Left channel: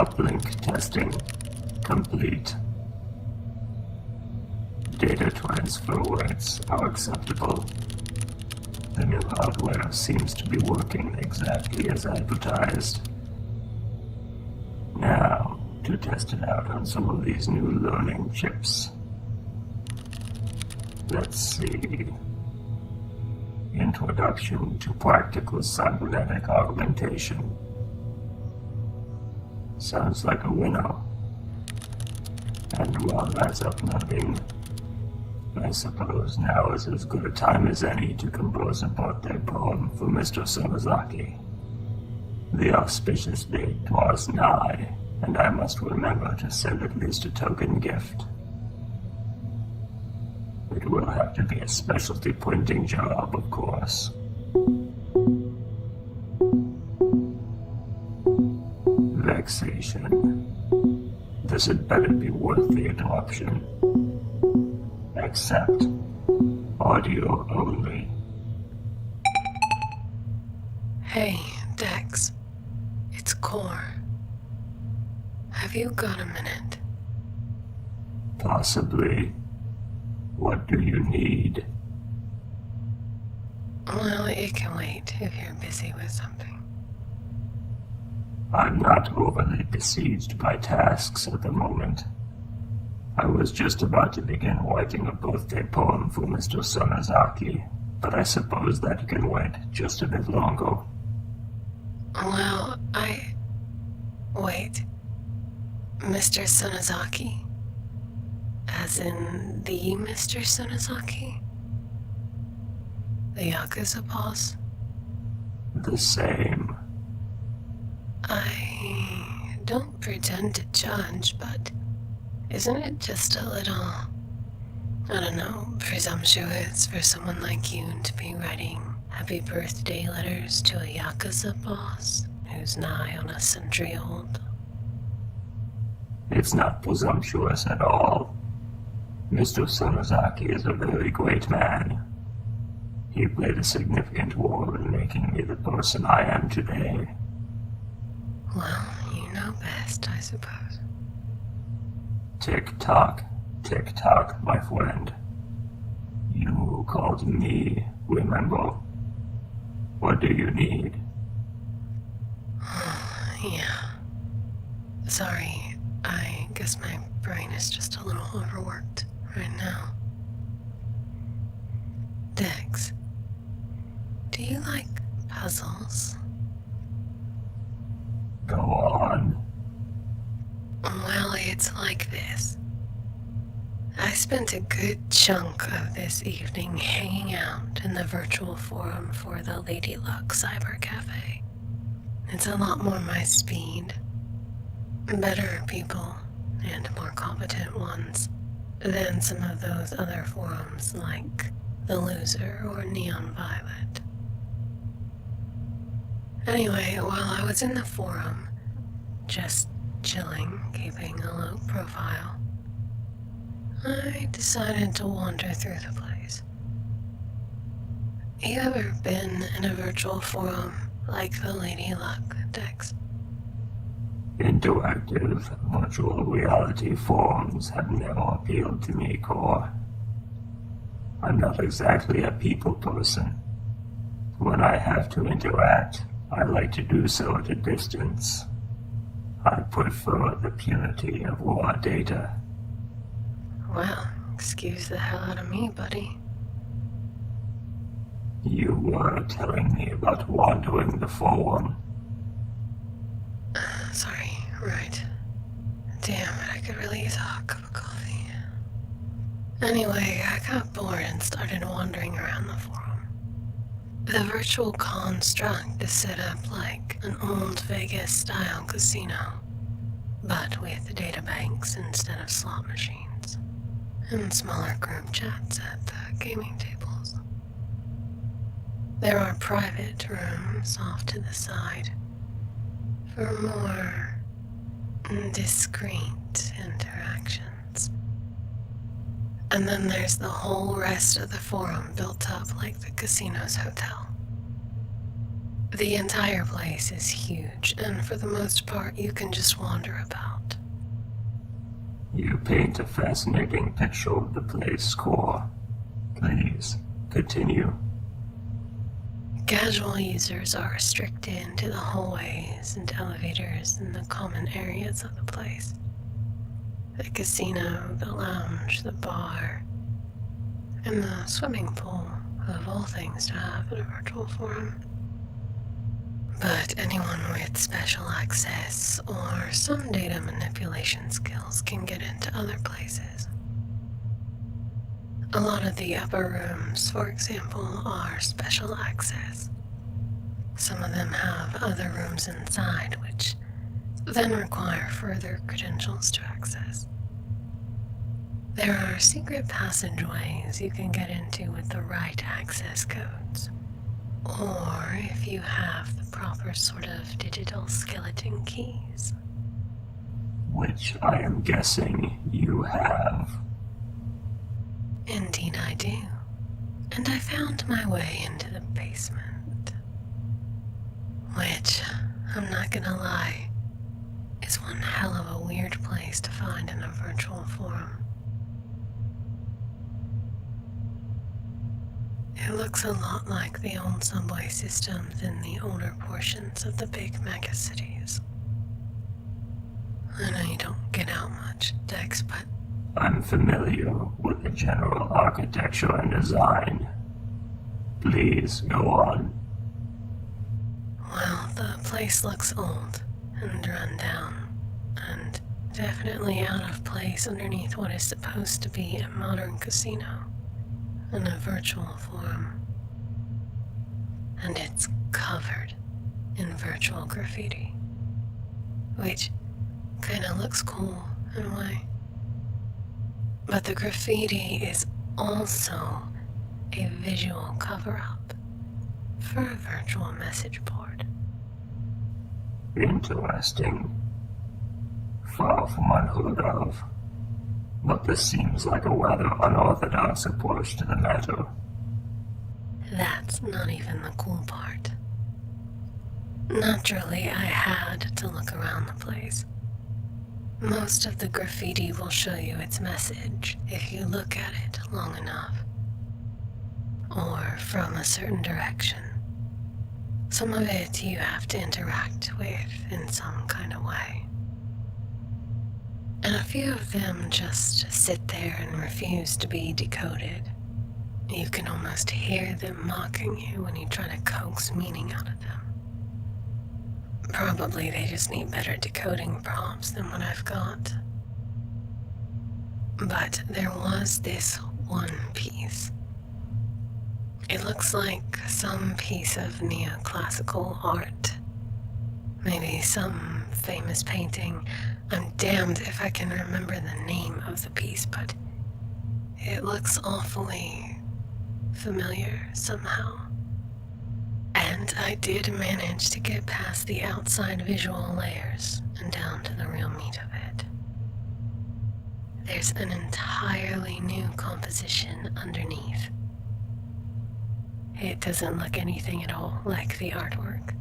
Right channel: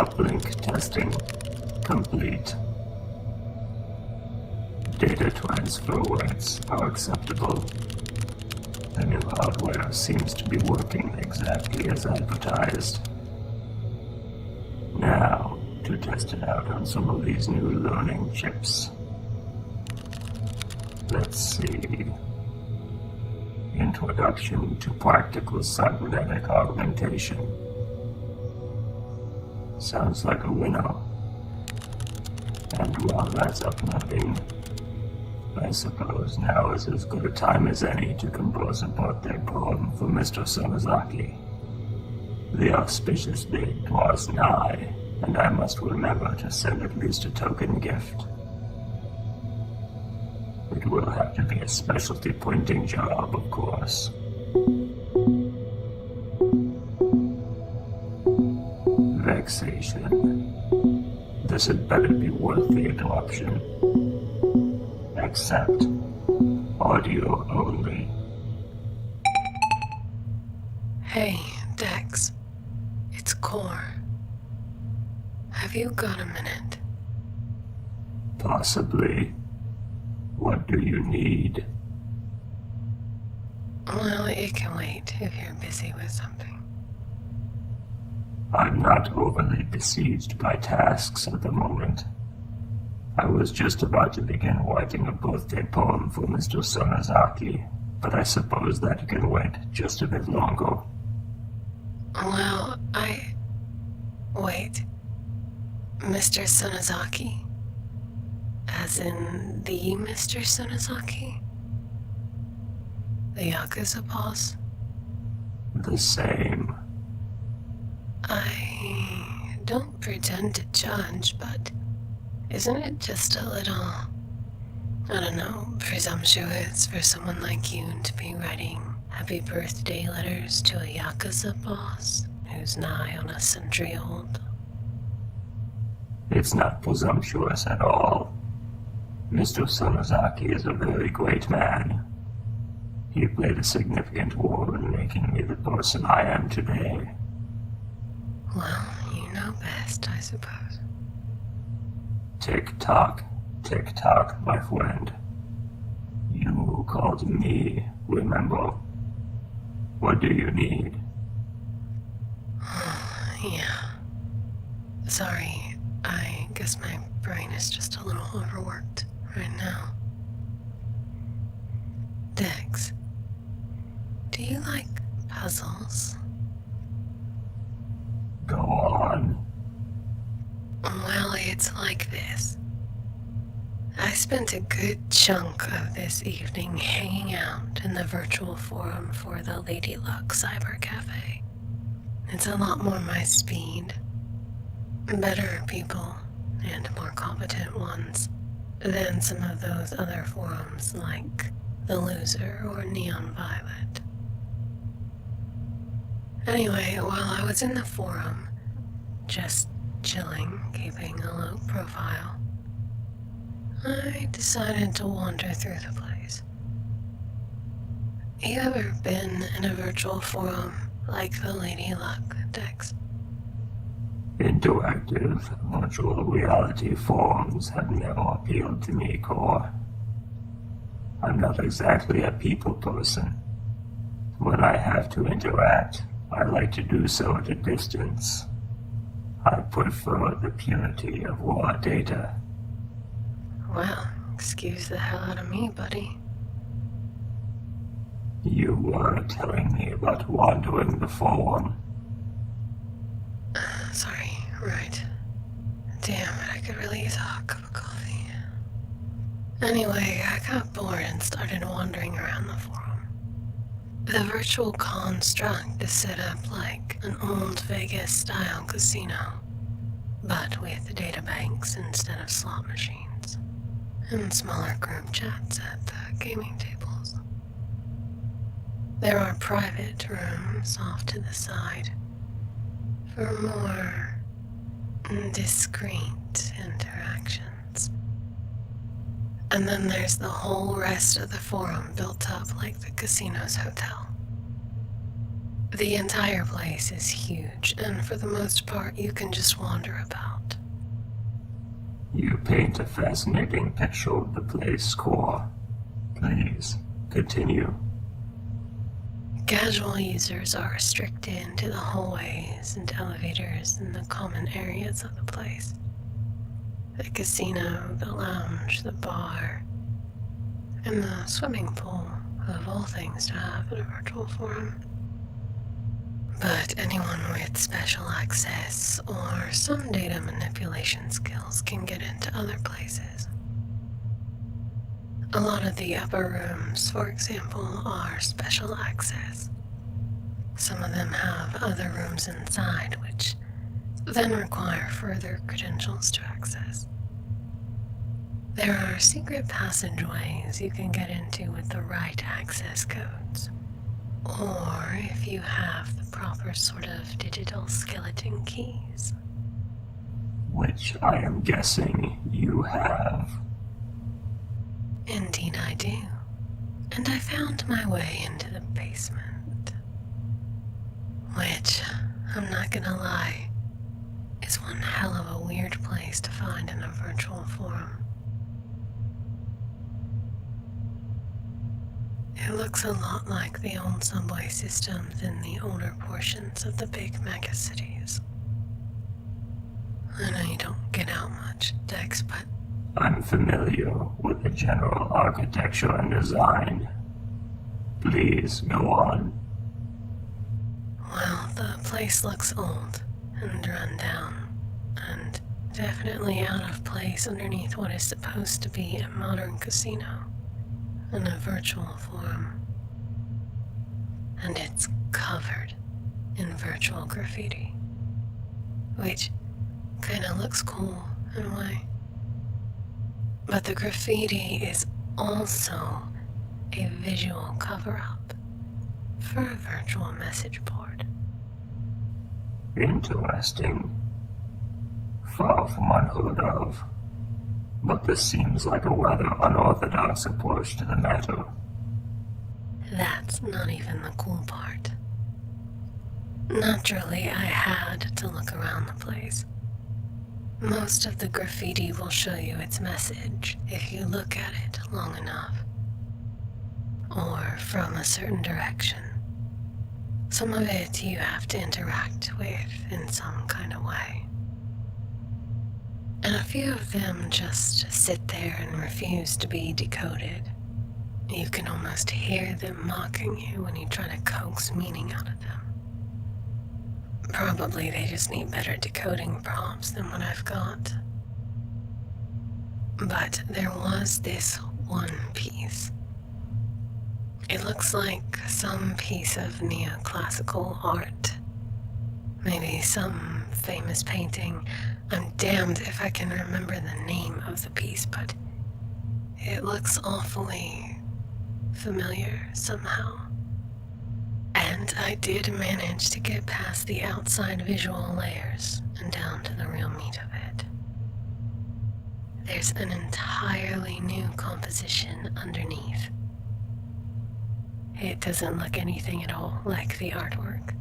Uplink testing complete. Data transfer rates are acceptable. The new hardware seems to be working exactly as advertised. Now, to test it out on some of these new learning chips. Let's see. Introduction to practical cybernetic augmentation. Sounds like a winner. And while that's uploading, I suppose now is as good a time as any to compose a birthday poem for Mr. Sonozaki. The auspicious date draws nigh, and I must remember to send at least a token gift. It will have to be a specialty printing job, of course. Vexation. This had better be worth the interruption. Accept. Audio only. Hey, Dex. It's Core. Have you got a minute? Possibly. What do you need? Well, it can wait if you're busy with something. I'm not overly besieged by tasks at the moment. I was just about to begin writing a birthday poem for Mr. Sonozaki, but I suppose that can wait just a bit longer. Well, Wait. Mr. Sonozaki? As in the Mr. Sonozaki? The Yakuza boss? The same. I don't pretend to judge, but isn't it just a little, I don't know, presumptuous for someone like you to be writing happy birthday letters to a Yakuza boss who's nigh on a century old? It's not presumptuous at all. Mr. Sonozaki is a very great man. He played a significant role in making me the person I am today. Well, you know best, I suppose. Tick-tock, tick-tock, my friend. You called me, remember? What do you need? Yeah. Sorry, I guess my brain is just a little overworked right now. Dex, do you like puzzles? Go on. Well, it's like this. I spent a good chunk of this evening hanging out in the virtual forum for the Lady Luck Cyber Cafe. It's a lot more my speed. Better people, and more competent ones, than some of those other forums like The Loser or Neon Violet. Anyway, while I was in the forum, just chilling, keeping a low profile, I decided to wander through the place. You ever been in a virtual forum like the Lady Luck, Dex? Interactive virtual reality forums have never appealed to me, Core. I'm not exactly a people person. When I have to interact, I like to do so at a distance. I prefer the purity of raw data. Well, excuse the hell out of me, buddy. You were telling me about wandering the forum. Sorry, right. Damn it, I could really use a hot cup of coffee. Anyway, I got bored and started wandering around the forum. The virtual construct is set up like an old Vegas-style casino, but with data banks instead of slot machines, and smaller group chats at the gaming tables. There are private rooms off to the side for more discreet interactions. And then there's the whole rest of the forum built up like the casino's hotel. The entire place is huge, and for the most part you can just wander about. You paint a fascinating picture of the place, Core. Please, continue. Casual users are restricted to the hallways and elevators and the common areas of the place. The casino, the lounge, the bar, and the swimming pool, of all things to have in a virtual forum. But anyone with special access or some data manipulation skills can get into other places. A lot of the upper rooms, for example, are special access. Some of them have other rooms inside, which then require further credentials to access. There are secret passageways you can get into with the right access codes, or if you have the proper sort of digital skeleton keys. Which I am guessing you have. Indeed I do. And I found my way into the basement. Which, I'm not gonna lie, is one hell of a weird place to find in a virtual forum. It looks a lot like the old subway systems in the older portions of the big megacities. I know you don't get out much, Dex, but I'm familiar with the general architecture and design. Please, go on. well, the place looks old and run down, and definitely out of place underneath what is supposed to be a modern casino in a virtual form. And it's covered in virtual graffiti, which kinda looks cool in a way. But the graffiti is also a visual cover-up for a virtual message board. Interesting. Far from unheard of. But this seems like a rather unorthodox approach to the matter. That's not even the cool part. Naturally, I had to look around the place. Most of the graffiti will show you its message if you look at it long enough, or from a certain direction. Some of it you have to interact with in some kind of way. And a few of them just sit there and refuse to be decoded. You can almost hear them mocking you when you try to coax meaning out of them. Probably they just need better decoding prompts than what I've got. But there was this one piece. It looks like some piece of neoclassical art. Maybe some famous painting. I'm damned if I can remember the name of the piece, but it looks awfully familiar somehow. And I did manage to get past the outside visual layers and down to the real meat of it. There's an entirely new composition underneath. It doesn't look anything at all like the artwork.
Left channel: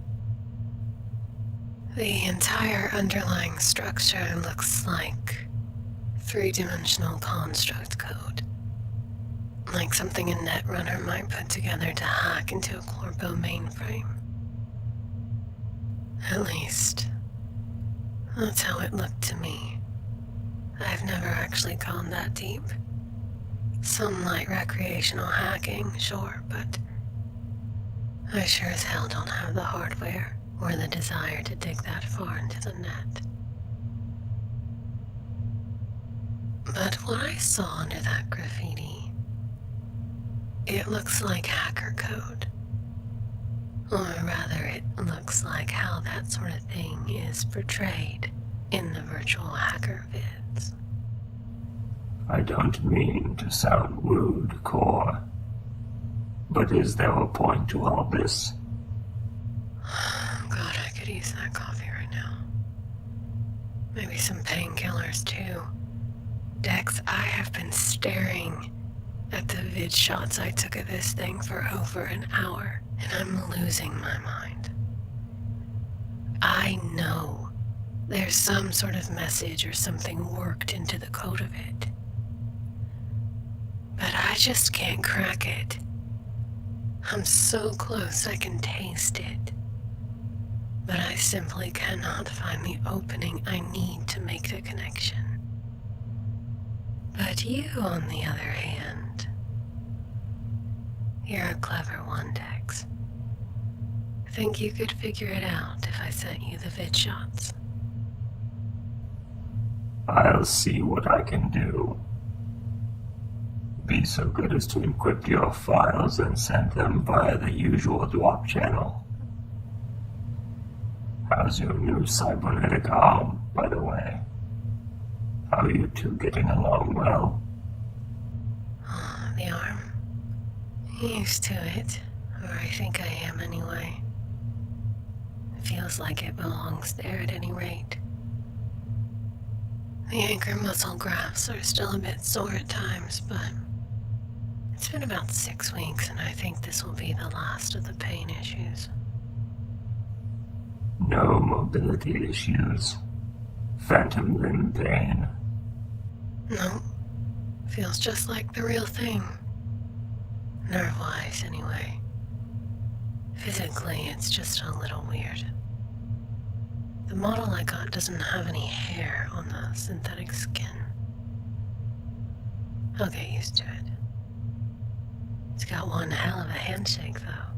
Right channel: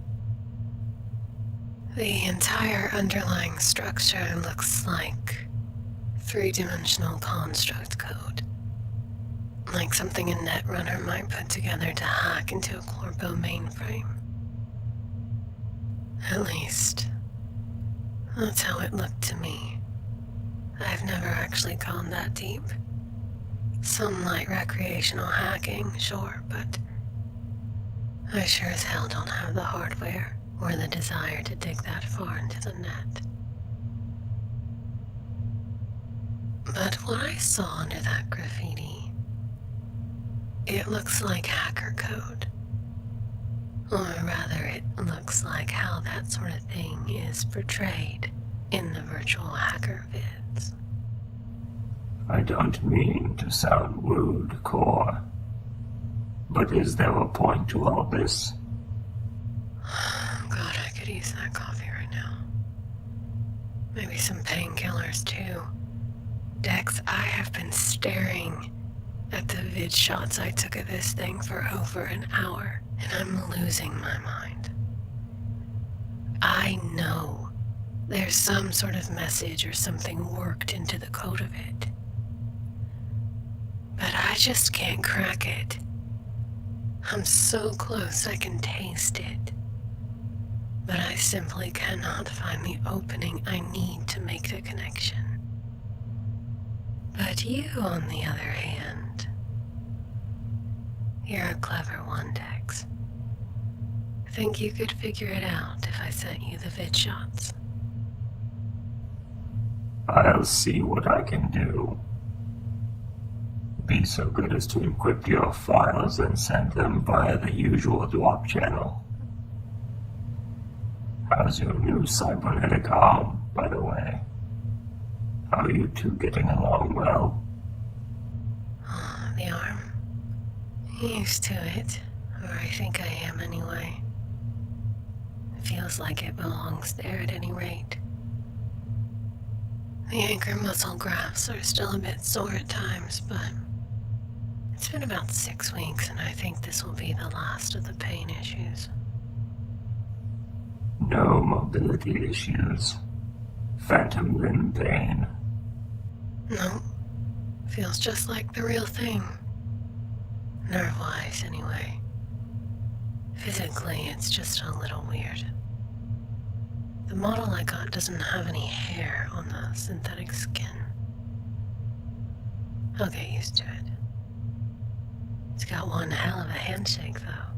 The entire underlying structure looks like three-dimensional construct code. Like something a netrunner might put together to hack into a Corpo mainframe. At least, that's how it looked to me. I've never actually gone that deep. Some light recreational hacking, sure, but I sure as hell don't have the hardware or the desire to dig that far into the net. But what I saw under that graffiti, it looks like hacker code. Or rather, it looks like how that sort of thing is portrayed in the virtual hacker vids. I don't mean to sound rude, Core. But is there a point to all this? God, I could use that coffee right now. Maybe some painkillers too. Dex, I have been staring at the vid shots I took of this thing for over an hour, and I'm losing my mind. I know there's some sort of message or something worked into the code of it. But I just can't crack it. I'm so close I can taste it. But I simply cannot find the opening I need to make the connection. But you, on the other hand, you're a clever one, Dex. Think you could figure it out if I sent you the vid shots? I'll see what I can do. Be so good as to encrypt your files and send them via the usual drop channel. How's your new cybernetic arm, by the way? How are you two getting along well? Oh, the arm. Used to it, or I think I am anyway. It feels like it belongs there at any rate. The anchor muscle grafts are still a bit sore at times, but it's been about 6 weeks and I think this will be the last of the pain issues. No mobility issues. Phantom limb pain. No, feels just like the real thing. Nerve-wise, anyway. Physically, it's just a little weird. The model I got doesn't have any hair on the synthetic skin. I'll get used to it. It's got one hell of a handshake, though.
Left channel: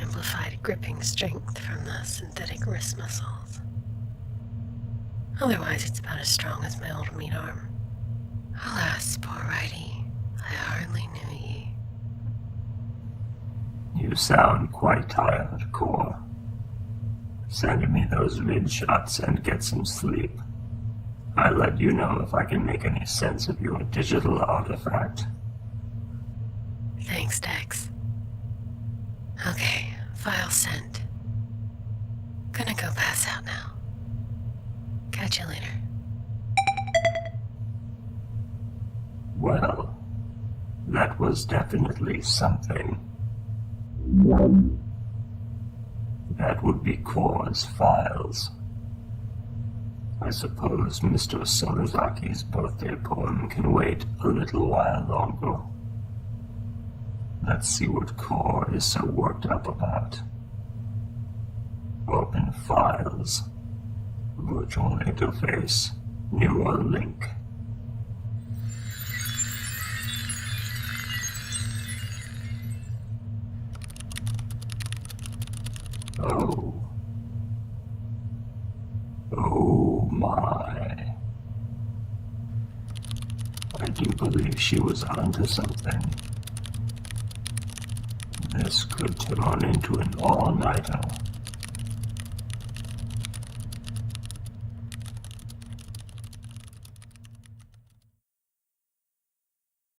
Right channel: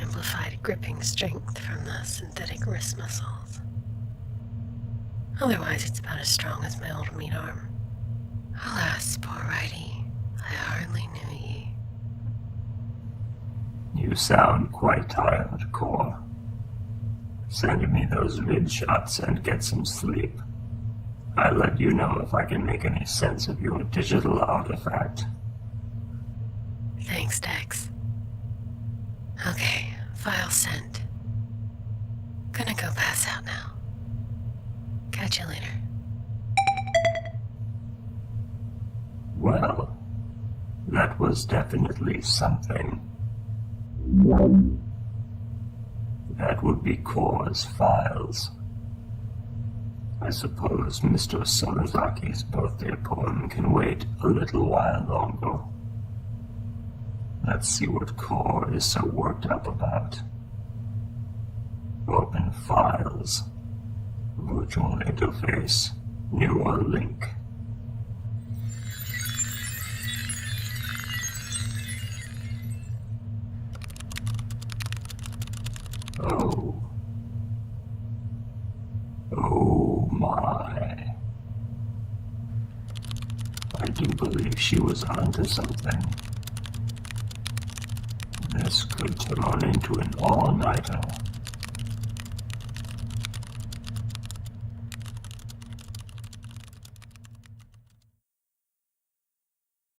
Amplified gripping strength from the synthetic wrist muscles. Otherwise, it's about as strong as my old meat arm. Alas, poor righty, I hardly knew ye. You sound quite tired, Core. Send me those vid shots and get some sleep. I'll let you know if I can make any sense of your digital artifact. Thanks, Dex. Okay, file sent. Gonna go pass out now. Catch you later. Well, that was definitely something. That would be Core's files. I suppose Mr. Solazaki's birthday poem can wait a little while longer. Let's see what Core is so worked up about. Open files. Virtual interface. Neural link. Oh. Oh my. I do believe she was onto something. This could turn into an all-nighter.